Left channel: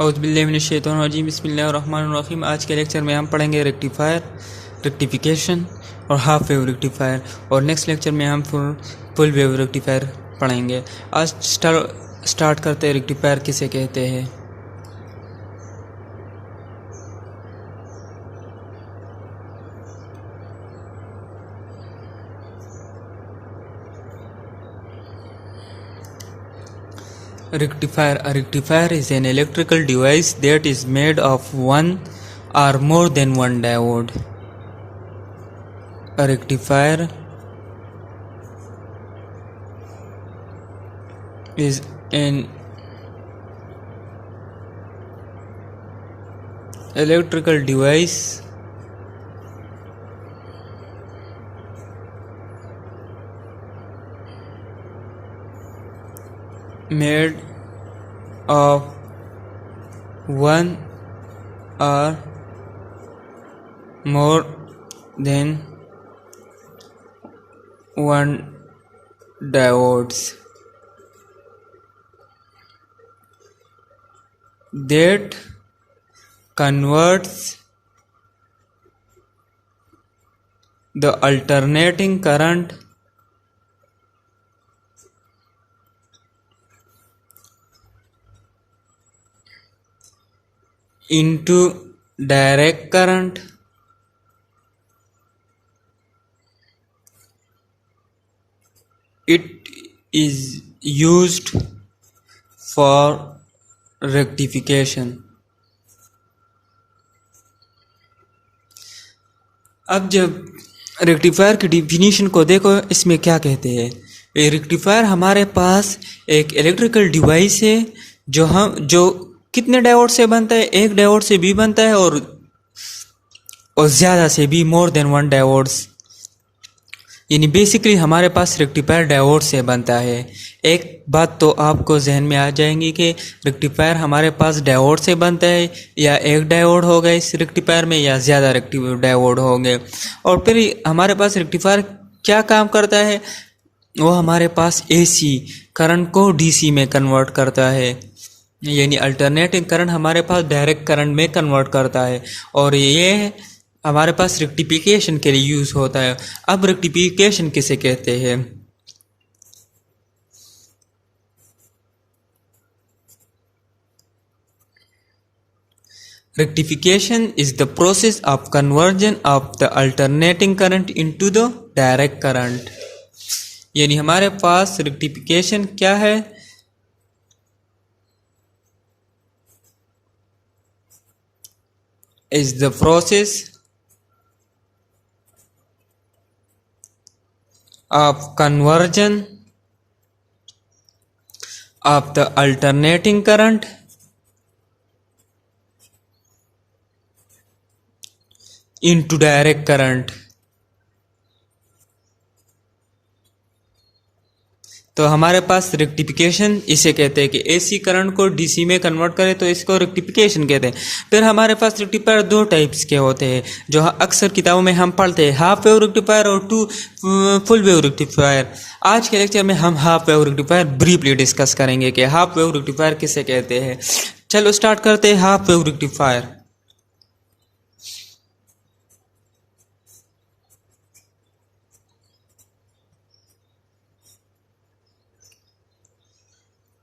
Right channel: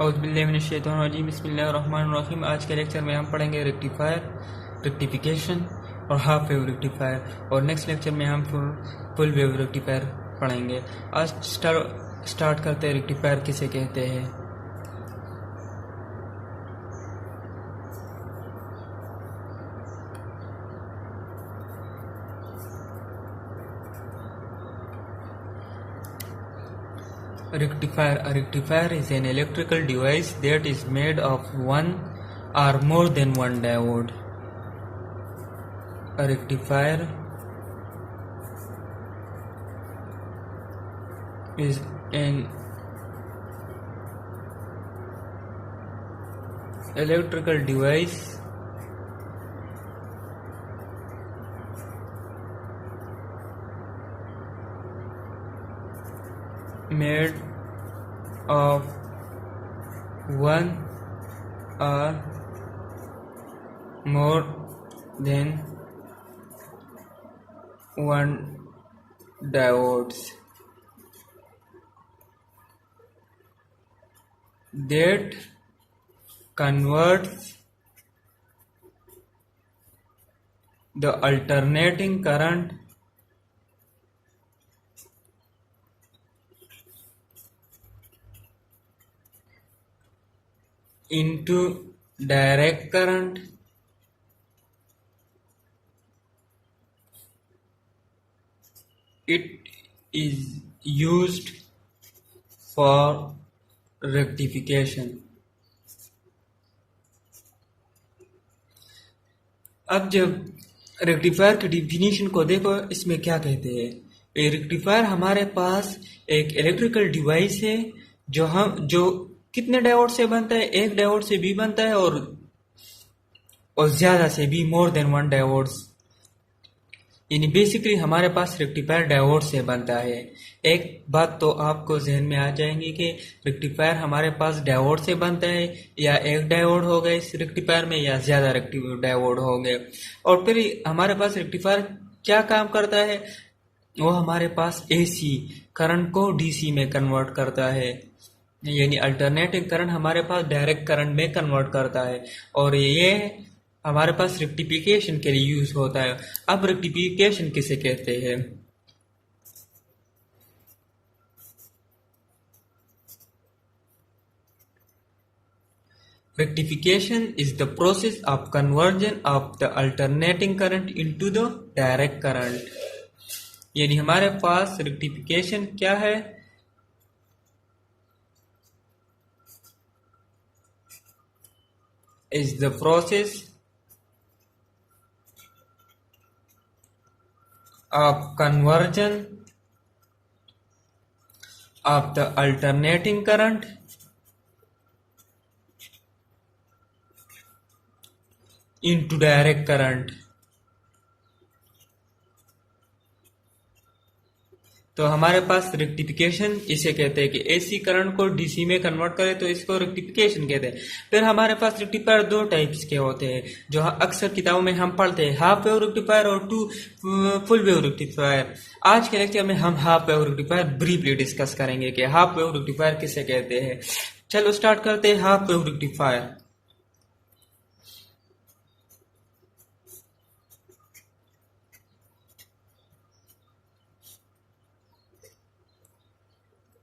औज़ुबिल्लाहि बिस्मिल्लाहिर्रहमानिर्रहीम। आज के लेक्चर में हम पढ़ेंगे रेक्टिफायर, रेक्टिफिकेशन और हाफ वेव रेक्टिफायर, और नेक्स्ट लेक्चर में हम फुल वेव रेक्टिफायर पढ़ेंगे। आज स्टार्ट करते हैं, रेक्टिफायर किसे कहते हैं। Rectifier. A rectifier is an electrical device that is made of one or more than one diode. A rectifier is an electrical device made of one or more than one diodes that converts the alternating current into direct current it is used for rectification. अब जब rectifier की definition को देखो, इसमें क्या कहते हैं। Rectifier हमारे पास एक इलेक्ट्रिकल डिवाइस है जो कितने डायोड से बनता है, एक डायोड से भी बनता है और ज़्यादा से भी, मोर देन वन डायोड्स। यानी बेसिकली हमारे पास रेक्टिफायर डायोड से बनता है। एक बात तो आपको जहन में आ जाएंगी कि रेक्टिफायर हमारे पास डायोड से बनता है, या एक डायोड होगा इस रेक्टिफायर में, या ज़्यादा डायोड होंगे। और फिर हमारे पास रेक्टिफायर क्या काम करता है, वो हमारे पास एसी करंट को डीसी में कन्वर्ट करता है, यानी अल्टरनेटिंग करंट हमारे पास डायरेक्ट करंट में कन्वर्ट करता है, और ये हमारे पास रेक्टिफिकेशन के लिए यूज़ होता है। अब रेक्टिफिकेशन किसे कहते हैं। Rectification is the process of conversion of the alternating current into the direct current। यानी हमारे पास रेक्टिफिकेशन क्या है, is the process of conversion of the alternating current into direct current। तो हमारे पास रेक्टिफिकेशन इसे कहते हैं कि एसी करंट को डीसी में कन्वर्ट करें, तो इसको रेक्टिफिकेशन कहते हैं। फिर हमारे पास रेक्टिफायर दो टाइप्स के होते हैं जो अक्सर किताबों में हम पढ़ते हैं, हाफ वेव रेक्टिफायर और फुल वेव रेक्टिफायर। आज के लेक्चर में हम half wave rectifier briefly discuss करेंगे कि हाफ वेव रेक्टिफायर किसे कहते हैं। चलो स्टार्ट करते हैं हाफ वेव रेक्टिफायर।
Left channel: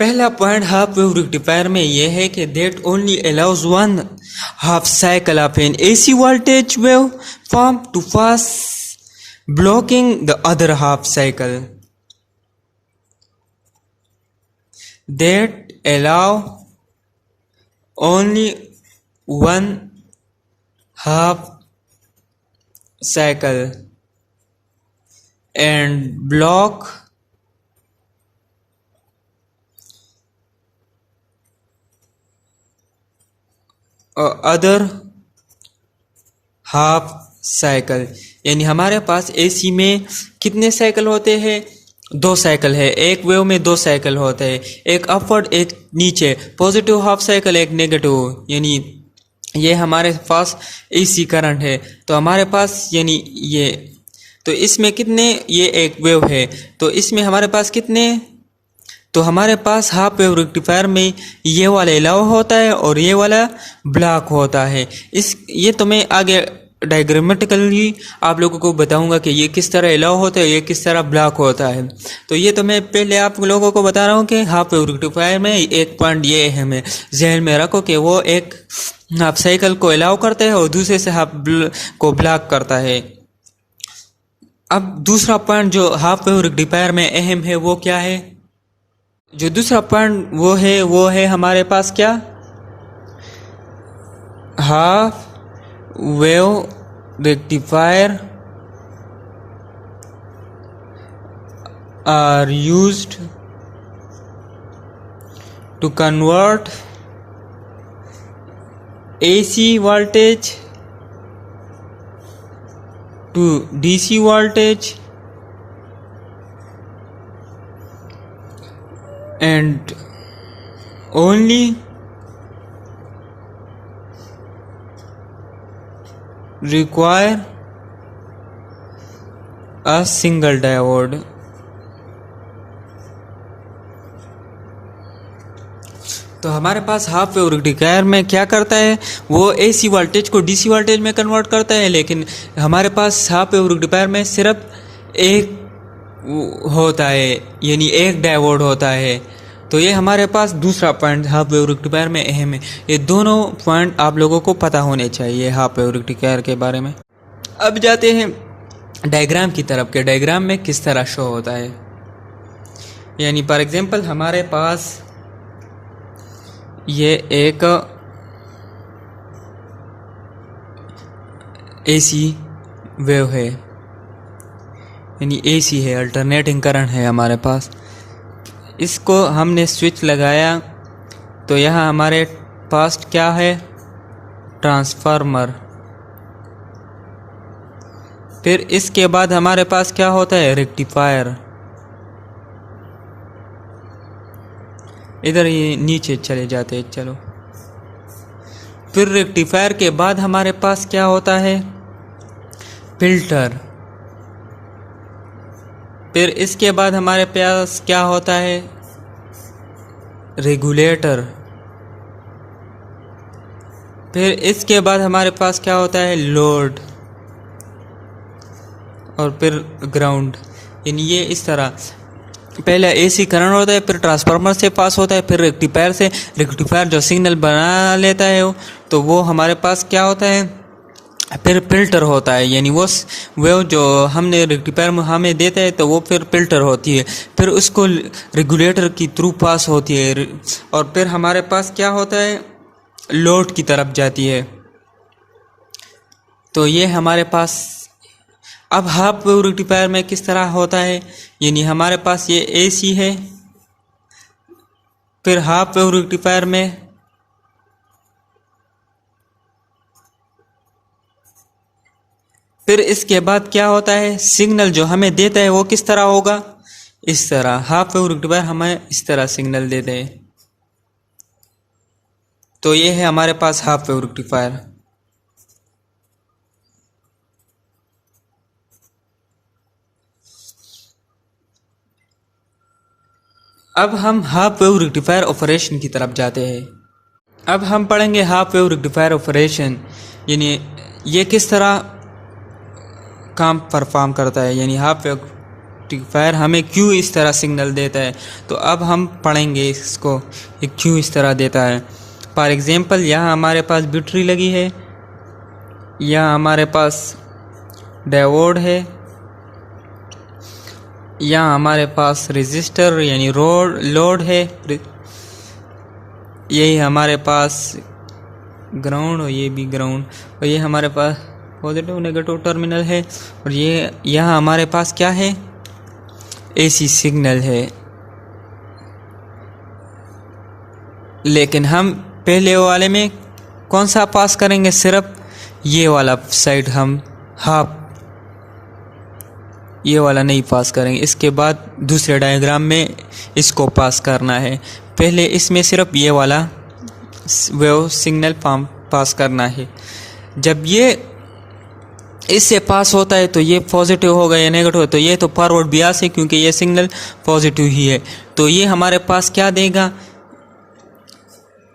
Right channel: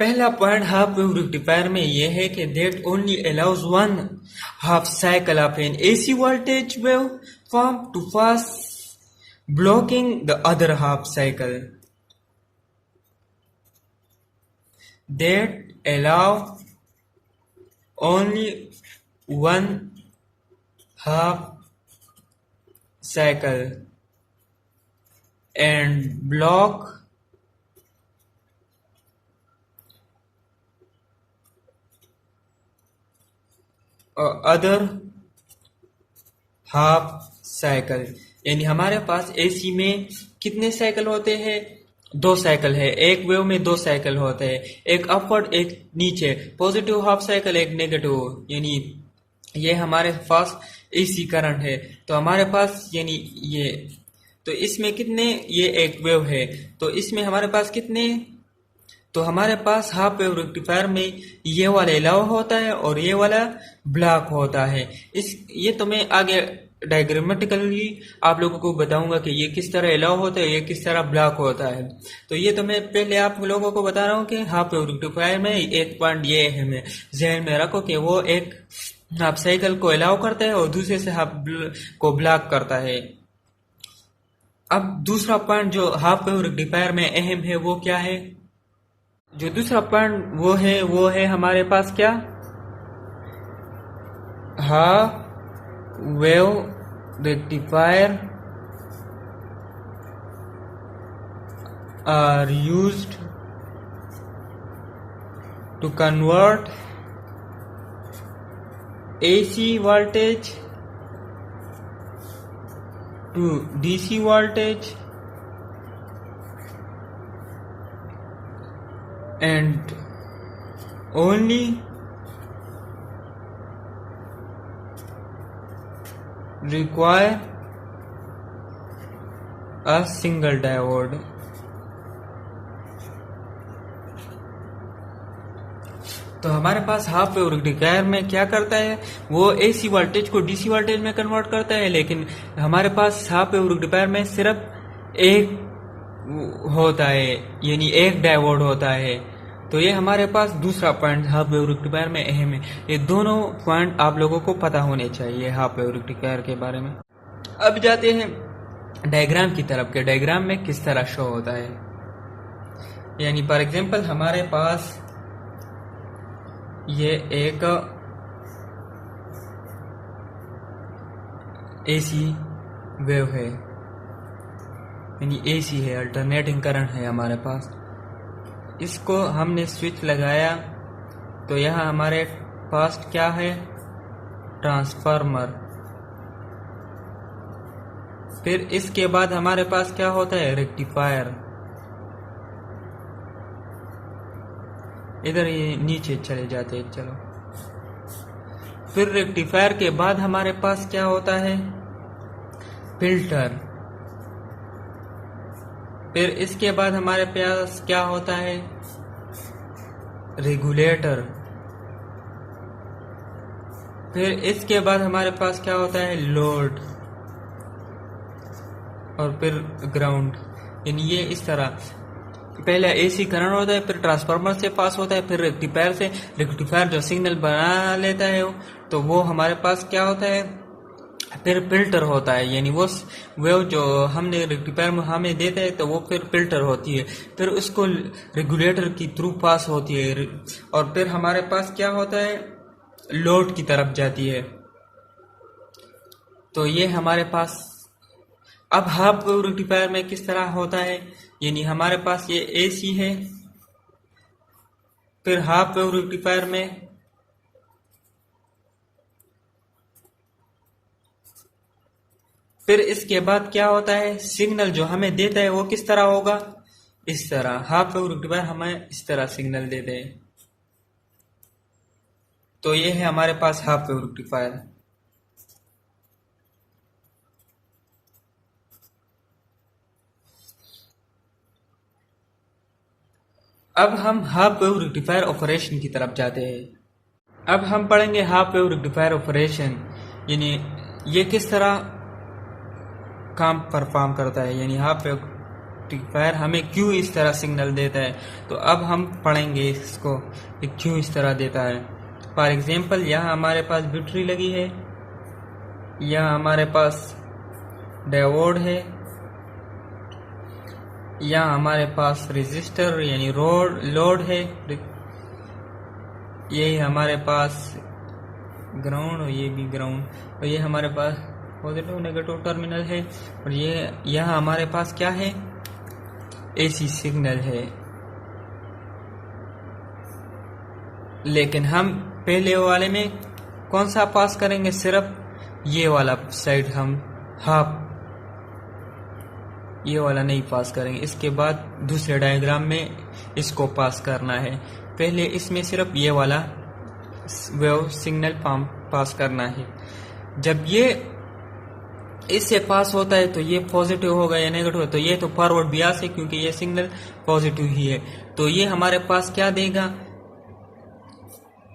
पहला पॉइंट हाफ वेव रेक्टिफायर में यह है कि that only allows one half cycle of an AC voltage waveform to pass blocking the other half cycle. That allow only one half cycle and block other half cycle. यानी हमारे पास AC में कितने cycle होते हैं, दो cycle है। एक wave में दो साइकिल होते हैं, एक अपवर्ड एक नीचे, पॉजिटिव हाफ साइकिल एक नेगेटिव। यानी ये हमारे पास एसी करंट है, तो हमारे पास यानी ये, तो इसमें कितने, ये एक वेव है तो इसमें हमारे पास कितने तो हमारे पास हाफ वेव रेक्टिफायर में ये वाला अलाउ होता है और ये वाला ब्लॉक होता है। ये तो मैं आगे डायग्रामेटिकली आप लोगों को बताऊंगा कि ये किस तरह अलाउ होता है, ये किस तरह ब्लॉक होता है। तो ये तो मैं पहले आप लोगों को बता रहा हूँ कि हाफ वेव रेक्टिफायर में एक पॉइंट ये अहम है, जहन में रखो कि वो एक हाफ साइकिल को अलाउ करता है और दूसरे से हाफ को ब्लॉक करता है। अब दूसरा पॉइंट जो हाफ वेव रेक्टिफायर में अहम है वो क्या है? जो दूसरा पॉइंट वो है हमारे पास क्या, half wave rectifier are used to convert AC voltage to DC voltage and only require a single diode। तो हमारे पास हाफ वेव रेक्टिफायर में क्या करता है, वो AC वोल्टेज को DC वोल्टेज में कन्वर्ट करता है, लेकिन हमारे पास हाफ वेव रेक्टिफायर में सिर्फ एक होता है, यानी एक डायोड होता है। तो ये हमारे पास दूसरा पॉइंट हाफ वेव रेक्टिफायर में अहम है। ये दोनों पॉइंट आप लोगों को पता होने चाहिए हाफ वेव रेक्टिफायर के बारे में। अब जाते हैं डायग्राम की तरफ के डायग्राम में किस तरह शो होता है। यानी फॉर एग्जांपल हमारे पास ये एक AC वेव है, यानी AC है, अल्टरनेटिंग करंट है हमारे पास। इसको हमने स्विच लगाया तो यहाँ हमारे पास क्या है, ट्रांसफार्मर। फिर इसके बाद हमारे पास क्या होता है, रेक्टिफायर। इधर ये नीचे चले जाते हैं, चलो। फिर रेक्टिफायर के बाद हमारे पास क्या होता है, फिल्टर। फिर इसके बाद हमारे पास क्या होता है, रेगुलेटर। फिर इसके बाद हमारे पास क्या होता है, लोड। और फिर ग्राउंड। यानी ये इस तरह पहले AC करंट होता है, फिर ट्रांसफार्मर से पास होता है, फिर रेक्टिफायर से। रेक्टिफायर जो सिग्नल बना लेता है तो वो हमारे पास क्या होता है, फिर फिल्टर होता है। यानी वो जो हमने रेक्टिफायर में हमें देता है तो वो फिर फिल्टर होती है, फिर उसको रेगुलेटर की थ्रू पास होती है, और फिर हमारे पास क्या होता है, लोड की तरफ जाती है। तो ये हमारे पास। अब हाफ वेव रेक्टिफायर में किस तरह होता है, यानी हमारे पास ये AC है, फिर हाफ वेव रेक्टिफायर में फिर इसके बाद क्या होता है, सिग्नल जो हमें देता है वो किस तरह होगा, इस तरह। हाफ वेव रेक्टिफायर हमें इस तरह सिग्नल देते हैं। तो ये है हमारे पास हाफ वेव रेक्टिफायर। अब हम हाफ वेव रेक्टिफायर ऑपरेशन की तरफ जाते हैं। अब हम पढ़ेंगे हाफ वेव रेक्टिफायर ऑपरेशन, यानी ये किस तरह काम परफॉर्म करता है। यानी हाफ वेव रेक्टिफायर हमें क्यों इस तरह सिग्नल देता है, तो अब हम पढ़ेंगे इसको ये क्यों इस तरह देता है। फॉर एग्जांपल यहाँ हमारे पास बैटरी लगी है, यहाँ हमारे पास डायोड है, यहाँ हमारे पास रेजिस्टर यानी लोड है, यही हमारे पास ग्राउंड और ये भी ग्राउंड, और ये हमारे पास पॉजिटिव नेगेटिव टर्मिनल है, और ये यहाँ हमारे पास क्या है, AC सिग्नल है। लेकिन हम पहले वाले में कौन सा पास करेंगे, सिर्फ ये वाला साइड हम हाफ, ये वाला नहीं पास करेंगे। इसके बाद दूसरे डायग्राम में इसको पास करना है, पहले इसमें सिर्फ ये वाला वेव सिग्नल पास करना है। जब ये इससे पास होता है तो ये पॉजिटिव होगा या नेगेटिव है, तो ये तो फॉरवर्ड बियास है क्योंकि ये सिग्नल पॉजिटिव ही है। तो ये हमारे पास क्या देगा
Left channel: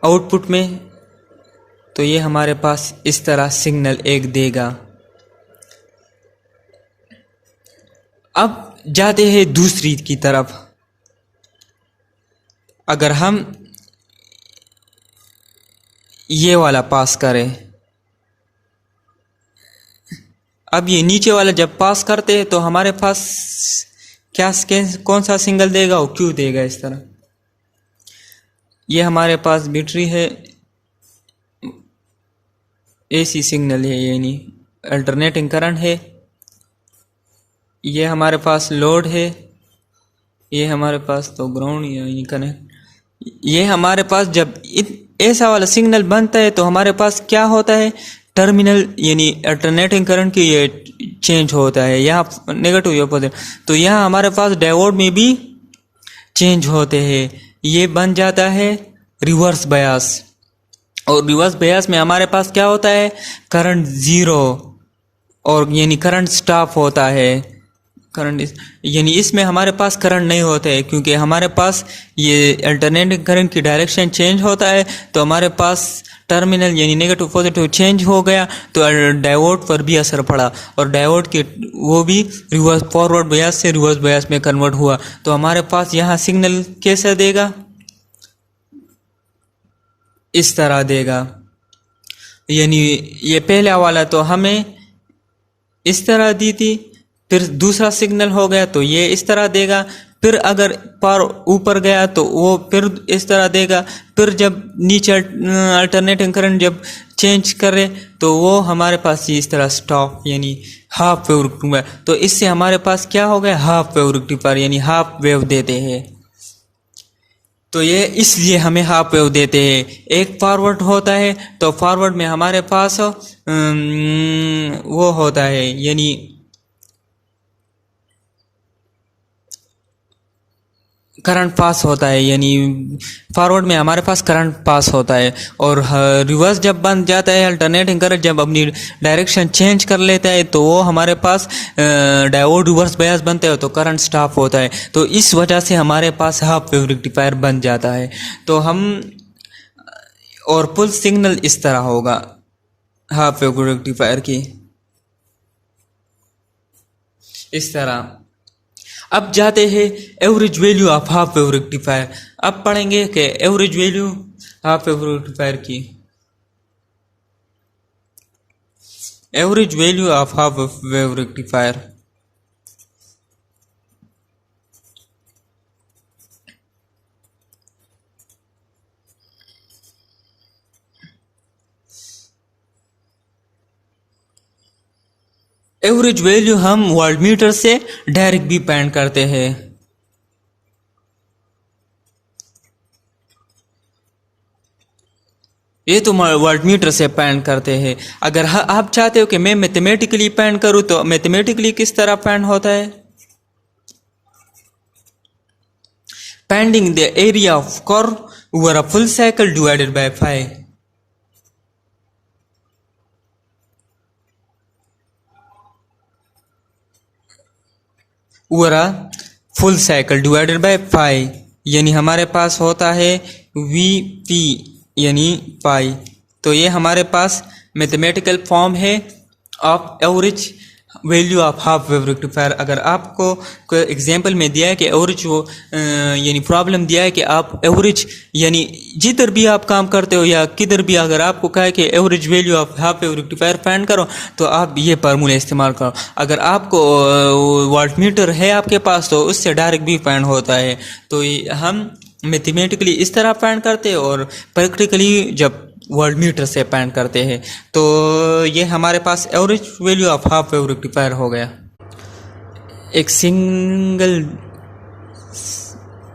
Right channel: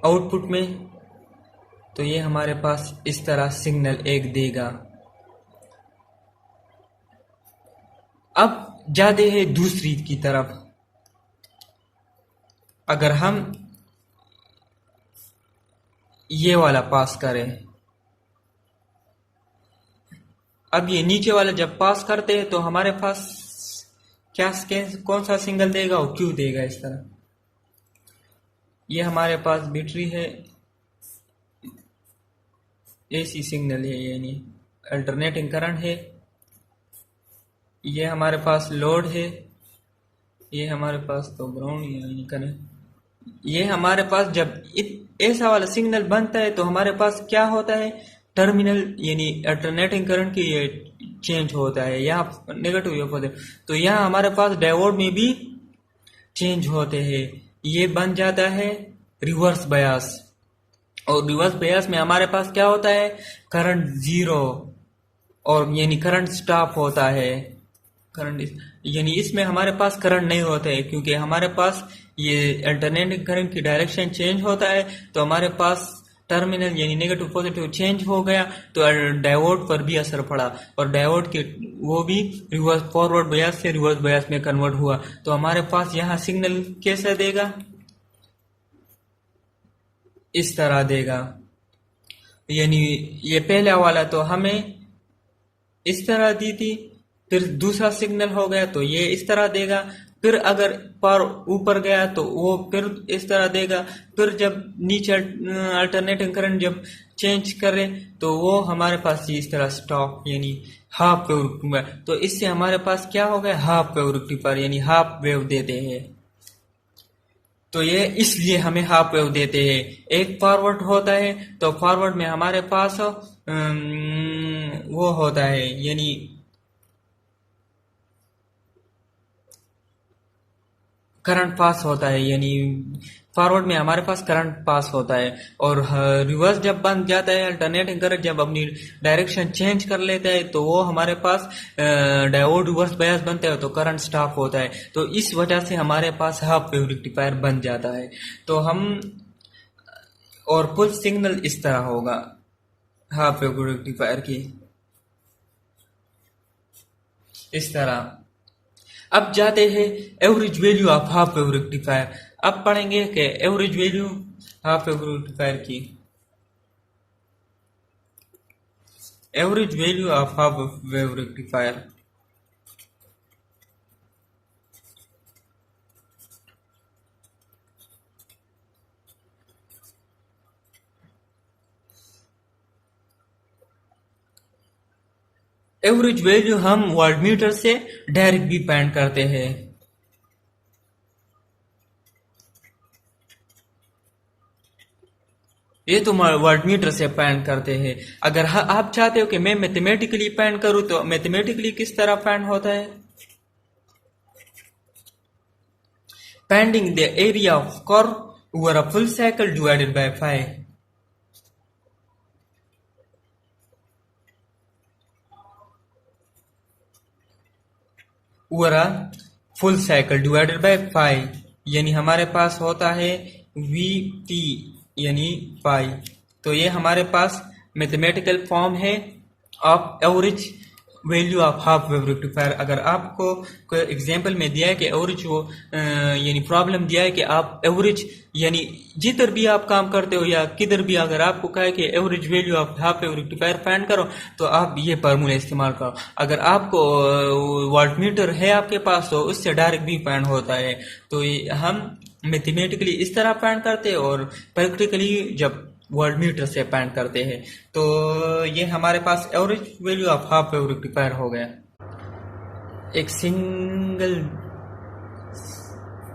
आउटपुट में, तो ये हमारे पास इस तरह सिग्नल एक देगा। अब जाते हैं दूसरी की तरफ। अगर हम ये वाला पास करें, अब ये नीचे वाला जब पास करते हैं तो हमारे पास क्या कौन सा सिग्नल देगा और क्यों देगा इस तरह। ये हमारे पास बैटरी है, एसी सिग्नल है यानी अल्टरनेटिंग करंट है। ये हमारे पास लोड है, ये हमारे पास तो ग्राउंड यानी कनेक्ट। ये हमारे पास जब ऐसा वाला सिग्नल बनता है तो हमारे पास क्या होता है, टर्मिनल यानी अल्टरनेटिंग करंट की ये चेंज होता है, यहाँ नेगेटिव या पॉजिटिव। तो यहाँ हमारे पास डायोड में भी चेंज होते हैं, ये बन जाता है रिवर्स बयास। और रिवर्स बयास में हमारे पास क्या होता है, करंट जीरो और यानी करंट स्टॉप होता है। करंट यानी इसमें हमारे पास करंट नहीं होता है क्योंकि हमारे पास ये अल्टरनेटिंग करंट की डायरेक्शन चेंज होता है। तो हमारे पास टर्मिनल यानी नेगेटिव पॉजिटिव चेंज हो गया तो डायोड पर भी असर पड़ा और डायोड के वो भी रिवर्स फॉरवर्ड बयास से रिवर्स बयास में कन्वर्ट हुआ। तो हमारे पास यहाँ सिग्नल कैसे देगा, इस तरह देगा। यानी ये पहला वाला तो हमें इस तरह दी थी, फिर दूसरा सिग्नल हो गया तो ये इस तरह देगा, फिर अगर पर ऊपर गया तो वो फिर इस तरह देगा, फिर जब नीचे अल्टरनेटिंग करंट जब चेंज करे तो वो हमारे पास इस तरह स्टॉप यानी हाफ वेव रेक्टिफायर। तो इससे हमारे पास क्या हो गया, हाफ वेव रेक्टिफायर यानी हाफ वेव देते हैं। तो ये इसलिए हमें हाफ वेव देते हैं। एक फॉरवर्ड होता है तो फॉरवर्ड में हमारे पास वो होता है यानी करंट पास होता है, यानी फॉरवर्ड में हमारे पास करंट पास होता है। और रिवर्स जब बन जाता है, अल्टरनेटिंग करंट जब अपनी डायरेक्शन चेंज कर लेता है तो वो हमारे पास डायोड रिवर्स बयास बनते हैं तो करंट स्टॉप होता है। तो इस वजह से हमारे पास हाफ वेव रेक्टिफायर बन जाता है। तो हम और पुल सिग्नल इस तरह होगा हाफ वेव रेक्टिफायर की, इस तरह। अब जाते हैं average value of half wave rectifier. अब पढ़ेंगे कि average value half wave rectifier की। Average value of half wave rectifier average value हम वोल्टमीटर से डायरेक्ट भी फाइंड करते हैं। ये तो वोल्टमीटर से फाइंड करते हैं। अगर आप चाहते हो कि मैं मैथमेटिकली फाइंड करूं तो मैथमेटिकली किस तरह फाइंड होता है, finding the area of curve over a full cycle divided by 5। Over a full cycle divided by 5 यानी हमारे पास होता है वी यानी पाई। तो ये हमारे पास मैथमेटिकल फॉर्म है of average value of half wave rectifier. अगर आपको कोई एग्जांपल में दिया है कि एवरेज वो यानी प्रॉब्लम दिया है कि आप एवरेज यानी जिधर भी आप काम करते हो या किधर भी अगर आपको कहा है कि average value of half wave rectifier find करो तो आप ये फार्मूला इस्तेमाल करो। अगर आपको वोल्टमीटर है आपके पास तो उससे डायरेक्ट भी फाइंड होता है। तो हम मैथमेटिकली इस तरह फाइंड करते हैं और प्रैक्टिकली जब वोल्टमीटर से फाइंड करते हैं। तो ये हमारे पास average value of half wave rectifier हो गया। एक सिंगल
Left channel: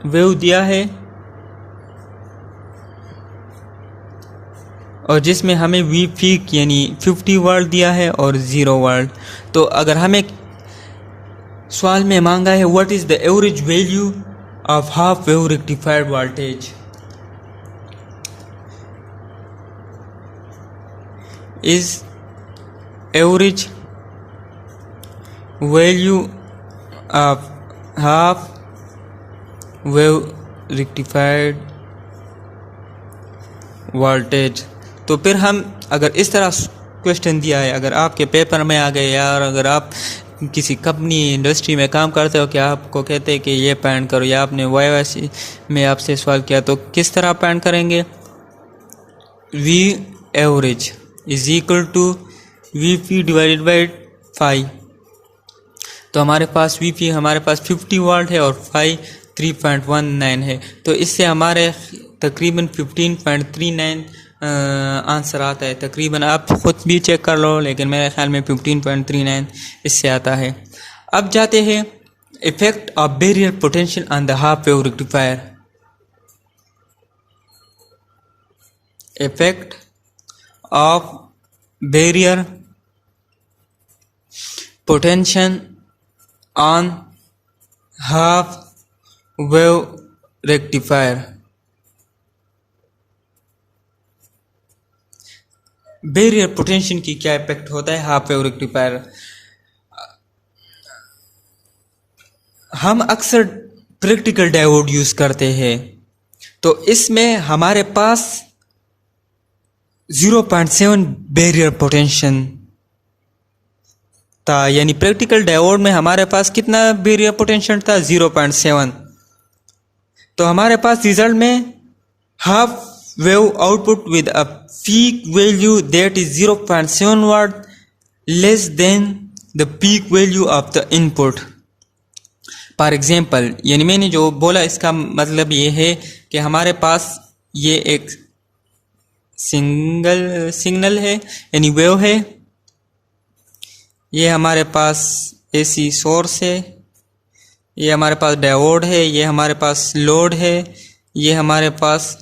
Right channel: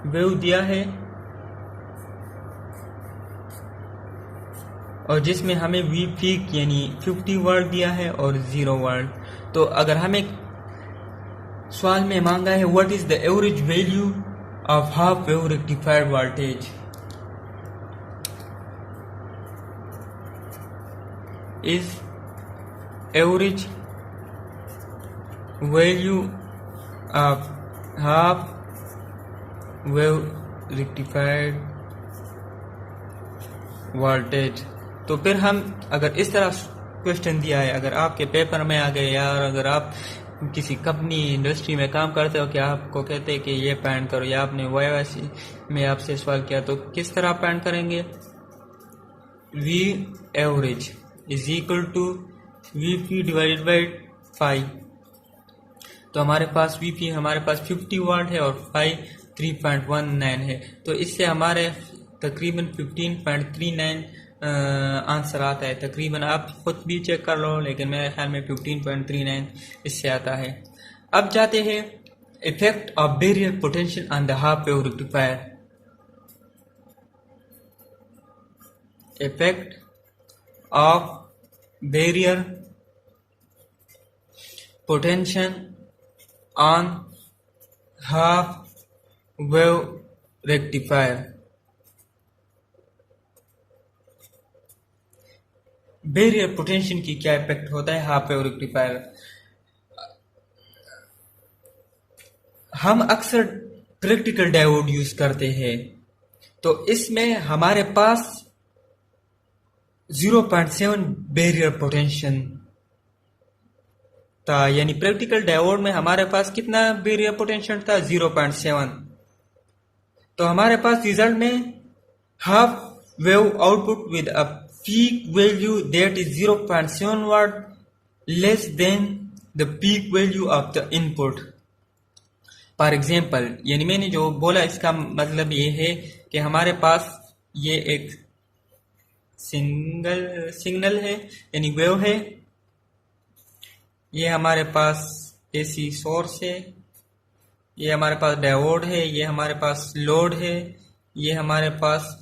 वेव दिया है और जिसमें हमें वी पीक यानी 50 वाट दिया है और 0 वाट। तो अगर हमें सवाल में मांगा है what is the average value of half wave rectifier voltage, is average value of half wave rectified voltage. तो फिर हम अगर इस तरह क्वेश्चन दिया है, अगर आपके पेपर में आ गए यार, अगर आप किसी कंपनी इंडस्ट्री में काम करते हो कि आपको कहते हैं कि ये पैंट करो, या आपने वाईवाई में आपसे सवाल किया, तो किस तरह पैंट करेंगे? V average is equal to V P divided by 5। तो हमारे पास वी पी हमारे पास 50 वाट है और 5 3.19 है। तो इससे हमारे तकरीबन 15.39 आंसर आता है। तकरीबन आप ख़ुद भी चेक कर लो, लेकिन मेरे ख्याल में 15.39 इससे आता है। अब जाते हैं effect of barrier potential on the half wave rectifier. Effect of barrier potential on half wave rectifier. Barrier potential की क्या इफेक्ट होता है हाफ वेव रेक्टिफायर? हम अक्सर प्रैक्टिकल डायोड यूज करते हैं, तो इसमें हमारे पास 0.7 बैरियर पोटेंशियल था, यानी प्रैक्टिकल डायोड में हमारे पास कितना बैरियर पोटेंशियल था? 0.7। तो हमारे पास रिजल्ट में half wave output with a peak value that is 0.7 watt less than the peak value of the input. For example, यानी मैंने जो बोला इसका मतलब ये है कि हमारे पास ये एक सिग्नल है, यानी वेव है, ये हमारे पास एसी सोर्स है, ये हमारे पास डायोड है, ये हमारे पास लोड है, ये हमारे पास।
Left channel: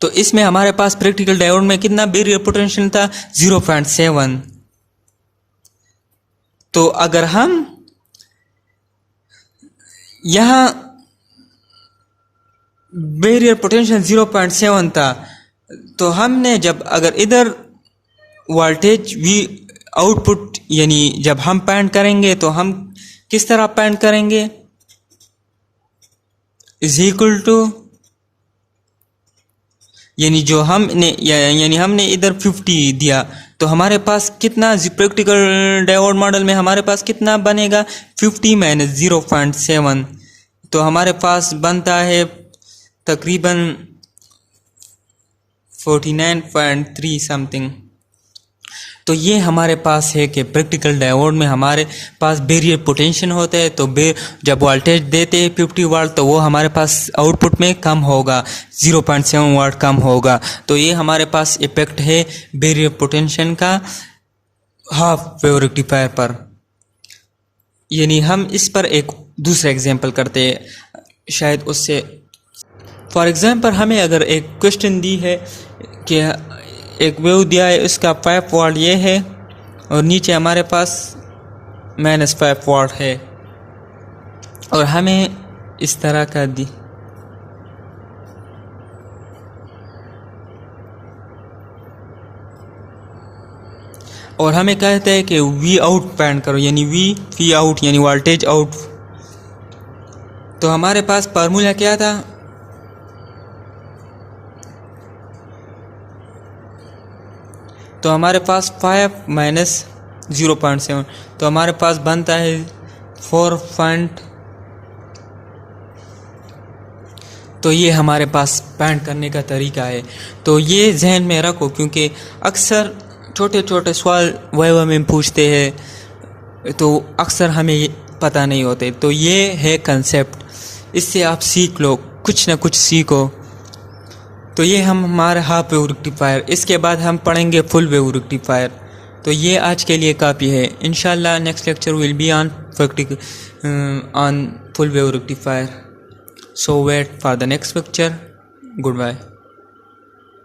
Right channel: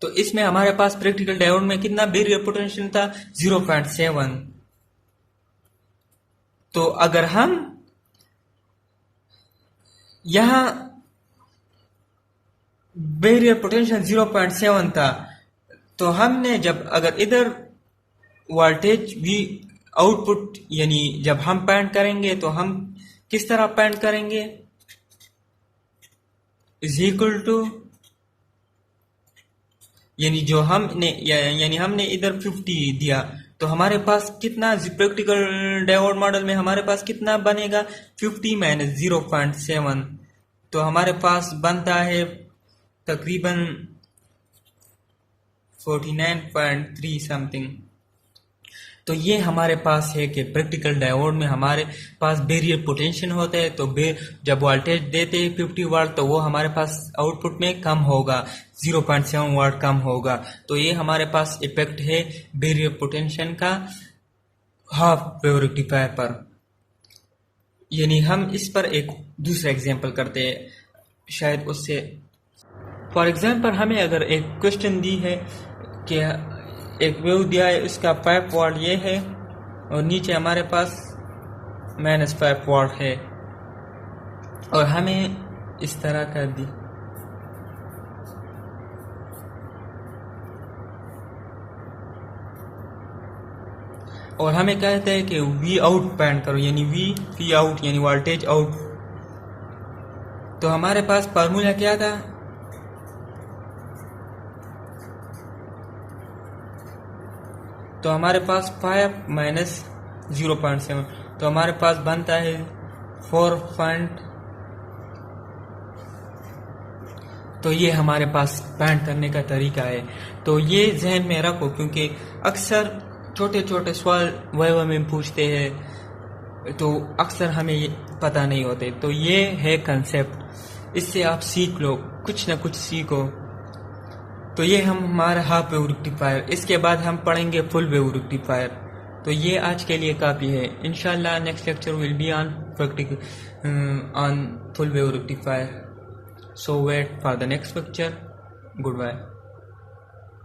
तो इसमें हमारे पास प्रैक्टिकल डायोड में कितना बैरियर पोटेंशियल था? 0.7। तो अगर हम यहां बैरियर पोटेंशियल 0.7 था, तो हमने जब अगर इधर वोल्टेज वी आउटपुट, यानी जब हम पैंट करेंगे तो हम किस तरह पैंट करेंगे? इज इक्वल टू, यानी जो हमने यानी हमने इधर 50 दिया, तो हमारे पास कितना प्रैक्टिकल डायोड मॉडल में हमारे पास कितना बनेगा? 50 माइनस 0.7। तो हमारे पास बनता है तकरीबन 49.3 समथिंग। तो ये हमारे पास है कि प्रैक्टिकल डायोड में हमारे पास बैरियर पोटेंशियल होता है, तो जब वोल्टेज देते हैं 50 वाट, तो वो हमारे पास आउटपुट में कम होगा, 0.7 वाट कम होगा। तो ये हमारे पास इफेक्ट है बैरियर पोटेंशियल का हाफ वेव रेक्टिफायर पर। यानी हम इस पर एक दूसरा एग्जांपल करते हैं, शायद उससे। फॉर एग्जांपल, हमें अगर एक क्वेश्चन दी है कि एक वेव दिया है, उसका 5 वाट ये है और नीचे हमारे पास -5 वाट है, और हमें इस तरह का दी, और हमें कहते हैं कि वी आउट पैंट करो, यानी वी आउट यानी वोल्टेज आउट। तो हमारे पास फार्मूला क्या था? तो हमारे पास 5 माइनस 0.7, तो हमारे पास बनता है 4 पॉइंट। तो ये हमारे पास पैंट करने का तरीका है। तो ये जहन में रखो, क्योंकि अक्सर छोटे छोटे सवाल वाइवा में पूछते हैं, तो अक्सर हमें पता नहीं होते। तो ये है कंसेप्ट, इससे आप सीख लो, कुछ ना कुछ सीखो। तो ये हमारे हाफ वेव रेक्टिफायर। इसके बाद हम पढ़ेंगे फुल वेव रेक्टिफायर। तो ये आज के लिए काफ़ी है। इंशाल्लाह next lecture will be on full wave rectifier. So wait for the next lecture. Good bye.